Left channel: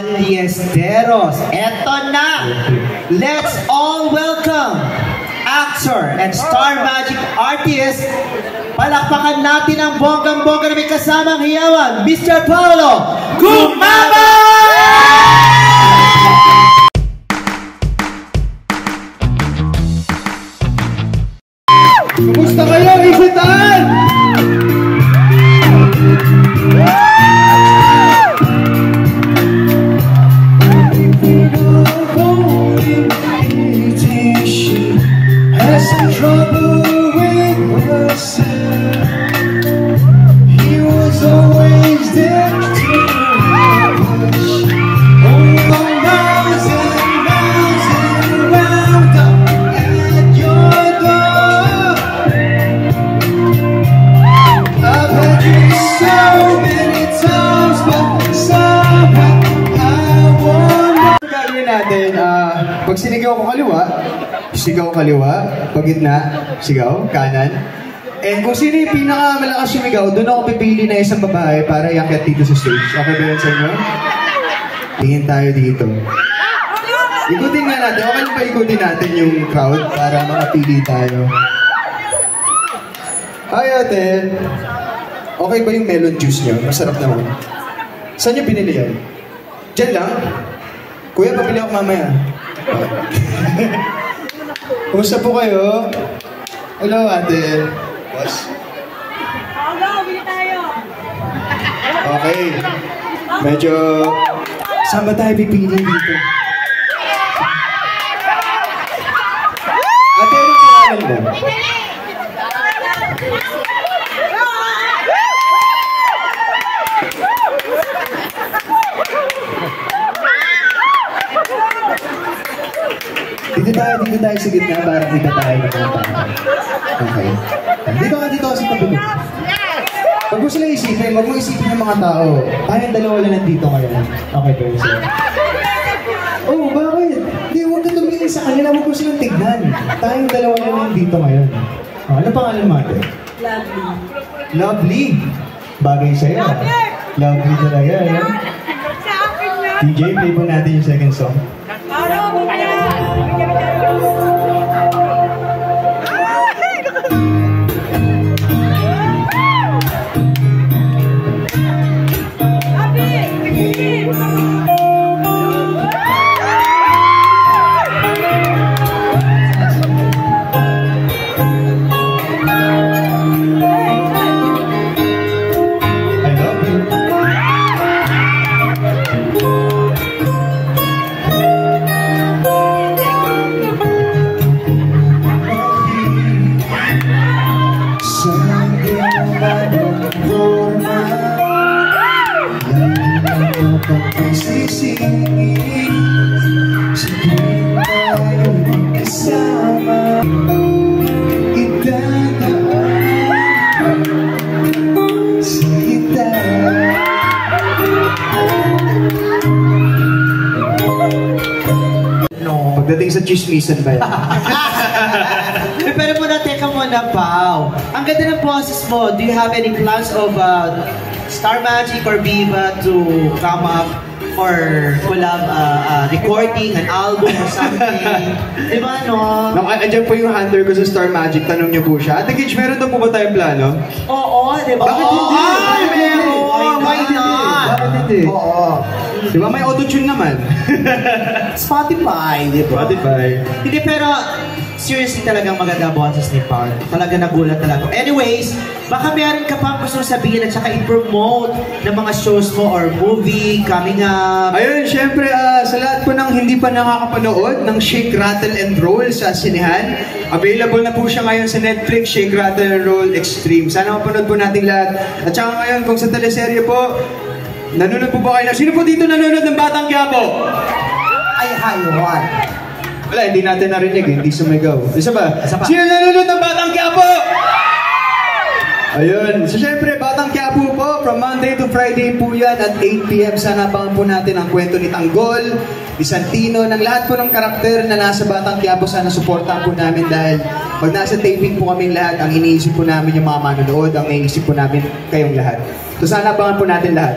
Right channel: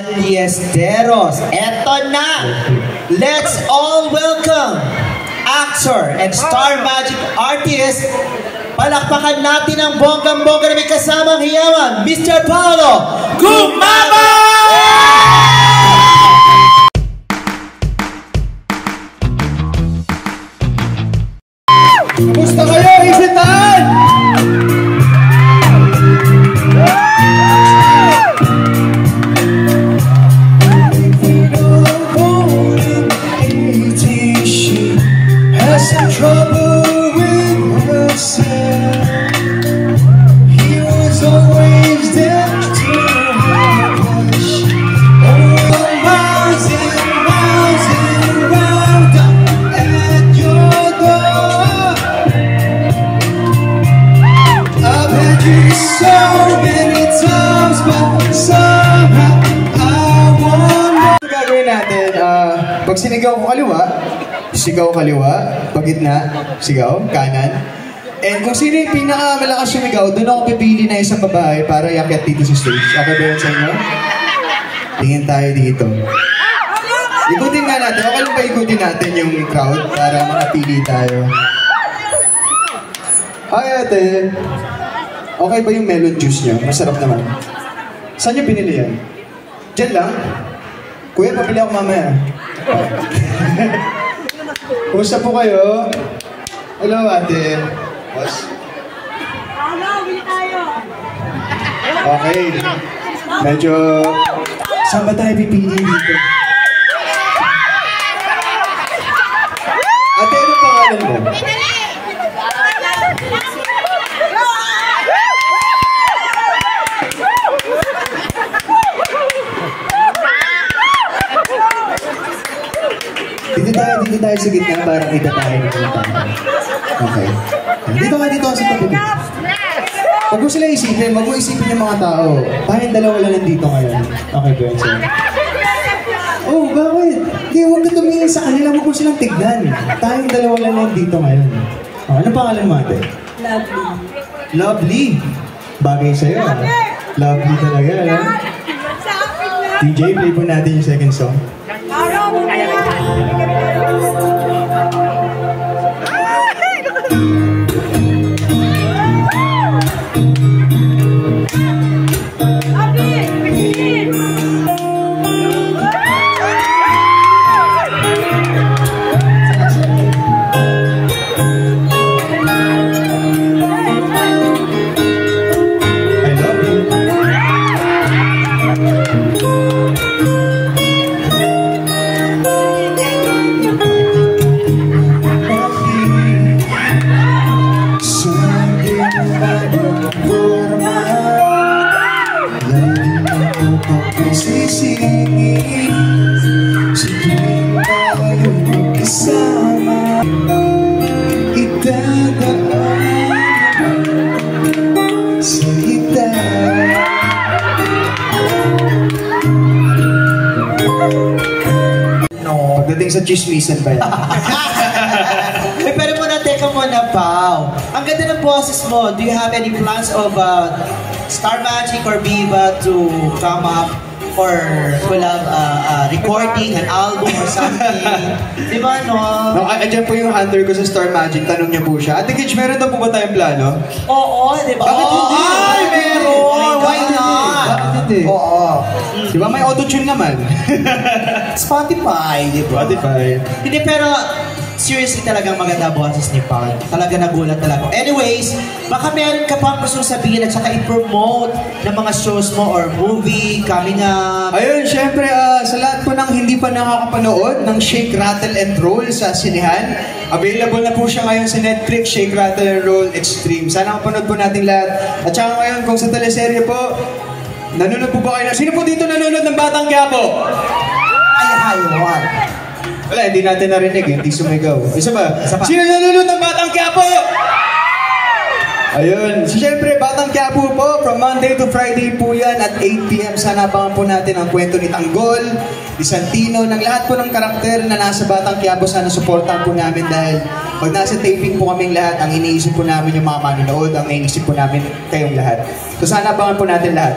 Aliesteros, eto na! Let's all welcome actor and Star Magic artist. Palakpakan natin ang bonggang-bongga na may kasamang hiyawan, Mr. Paolo Gumaba! Kumusta kayo, Isitan? Pag sinigaw ko kaliwa, sigaw kaliwa. Pag gitna, sigaw kanan. And kung sino yung pinakamalakas sumigaw, doon ako pipili na isang babae para iakyat dito sa stage. Ako ba yun sa inyo? Tingin tayo dito. Ikutin nga natin. Okay lang ba ikutin natin yung crowd para makapili tayo? Ay ate, okay ba yung melon juice nyo? Masarap naman. Saan nyo binili yan? Diyan lang? Kuya, pabili ako mamaya. Kumusta po kayo? Hello, ate. Boss. Hello, bili tayo. Okay. Medyo... Saan ba tayo pipili dito? Ate, ano pangalan mo? Dito tayo sa gitna para kita tayo ng mga tao. Okay. Dito ka sa tabi. Huwag mo sila isipin, huwag mo isipin yung mga tao. Tayong dalawa lang nandito ngayon. Okay ba yun sila? Oh, bakit? Hindi, huwag ka tumingin sa kanila, huwag mo silang tignan. Tayong dalawa lang nandito ngayon. Oh, ano pangalan mo ate? Lovely. Lovely? Bagay sa'yo. Lovely talaga, no? Sa akin na. DJ, play po natin yung second song. Pagdating sa chismisan ba yan? Pero muna, teka muna, Pao. Ang ganda ng boses mo. Do you have any plans of Star Magic or Viva to come up for collab recording an album or something? Di ba, no? Andiyan po yung hunter ko sa Star Magic. Tanong niyo po siya. Ate Gage, meron na po ba tayong plano? Oo, di ba? Bakit hindi? Ay, meron! Why not? Bakit hindi? Oo. Di ba may auto-tune naman? Spotify, di ba? Spotify. Hindi, pero seriously talagang maganda boses ni Paul. Talaga nagulat talaga. Anyways, baka meron ka pang gustong sabihin at saka i-promote ng mga shows mo or movie coming up. Ayun, syempre, sa lahat po ng hindi pa nakakapanood ng Shake, Rattle, and Roll sa sinehan, available na po siya ngayon sa Netflix, Shake, Rattle, and Roll Extreme. Sana mapanood po natin lahat. At saka ngayon, kung sa teleserye po, nanonood po ba kayo? Sino po dito nanonood ng Batang Quiapo? Ay, haywan. Wala, hindi natin narinig, hindi sumigaw. Isa ba? Sino nanonood ng Batang Quiapo? Ayun. So, syempre, Batang Quiapo po, from Monday to Friday po yan at 8 PM. Sana abangan po natin ang kwento ni Tanggol, ni Santino, ng lahat po ng karakter na nasa Batang Quiapo. Sana supportan po namin dahil pag nasa taping po kaming lahat, ang iniisip po namin yung mga manonood, ang iniisip po namin kayong lahat. So, sana abangan po natin lahat.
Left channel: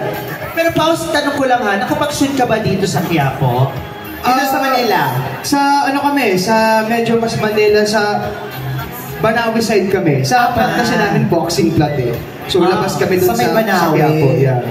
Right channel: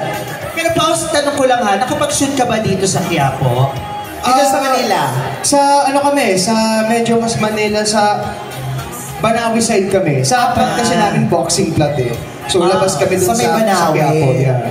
Pero pause, tanong ko lang ha, nakapag-shoot ka ba dito sa Quiapo? Dito sa Manila? Sa ano kami, sa medyo mas Manila, sa Banawi side kami. Sa kasi namin boxing plot eh. So labas kami dun sa may Banawi. Quiapo. Yeah.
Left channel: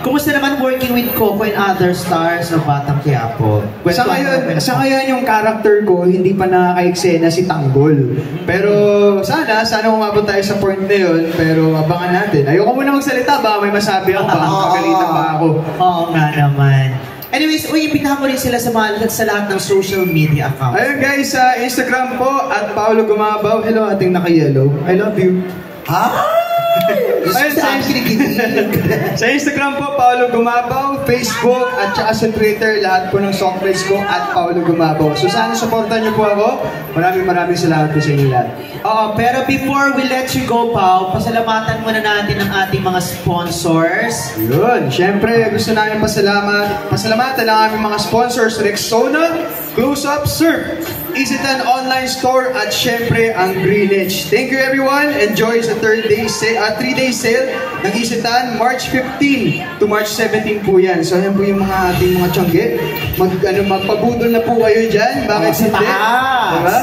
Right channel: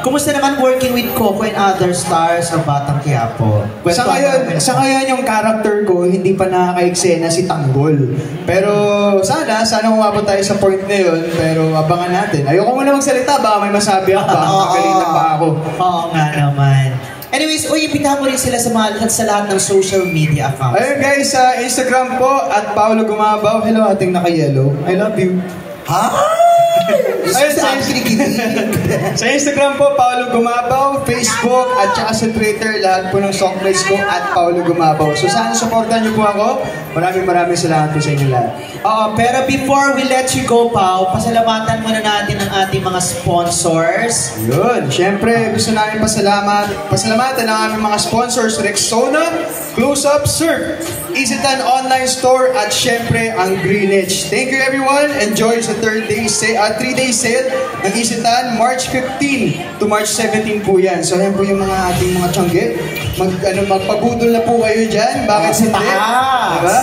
Kumusta naman working with Coco and other stars of Batang Quiapo? Sa ngayon yung character ko, hindi pa nakaka-eksena si Tanggol. Pero sana umabot tayo sa point na yun. Pero abangan natin. Ayoko muna magsalita, baka may masabi ako. Magalitan pa ako. Oo nga naman. Anyways, ibitahan mo rin sila sa lahat ng social media accounts. Ayun guys, sa Instagram po, at Paolo Gumabaw. Hello, ating naka-yellow. I love you. Ha? Ayun, sa Instagram po, Paolo Gumabaw, Facebook, at saka sa Twitter, lahat po ng songplays ko, at Paolo Gumabaw. So sana supportan niyo po ako. Maraming salamat po sa inyo lahat. Pero before we let you go, Pao, pasalamatan muna natin ang ating mga sponsors. Yun, syempre gusto namin pasalamatan ang aming mga sponsors, Rexona, Close Up Surf, Isitan Online Store, at syempre ang Greenwich. Thank you everyone. Enjoy sa 3-day sale ng Isitan, March 15 to March 17 po yan. So yan po yung mga ating mga tiyangge. Magpabudol na po kayo dyan. Bakit hindi? Diba?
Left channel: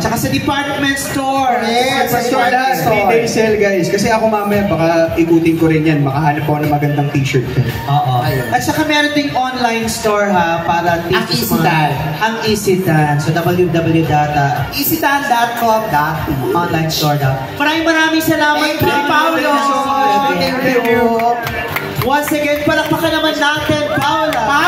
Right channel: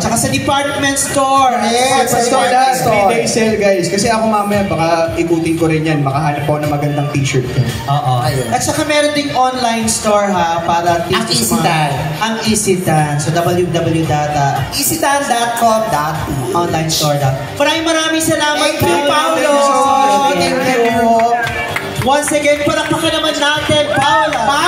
Tsaka sa department store. Yes, sa store na, 3-day sale guys. Kasi ako mamaya baka ikutin ko rin yan. Makahanap ako ng magandang t-shirt ko. At saka meron ding online store ha, para Ang Isitan. Ang Isitan. So www.isitan.com. Online store daw. Maraming salamat. Thank you, Paolo. Thank you. Once again, palakpakan naman natin, Paula.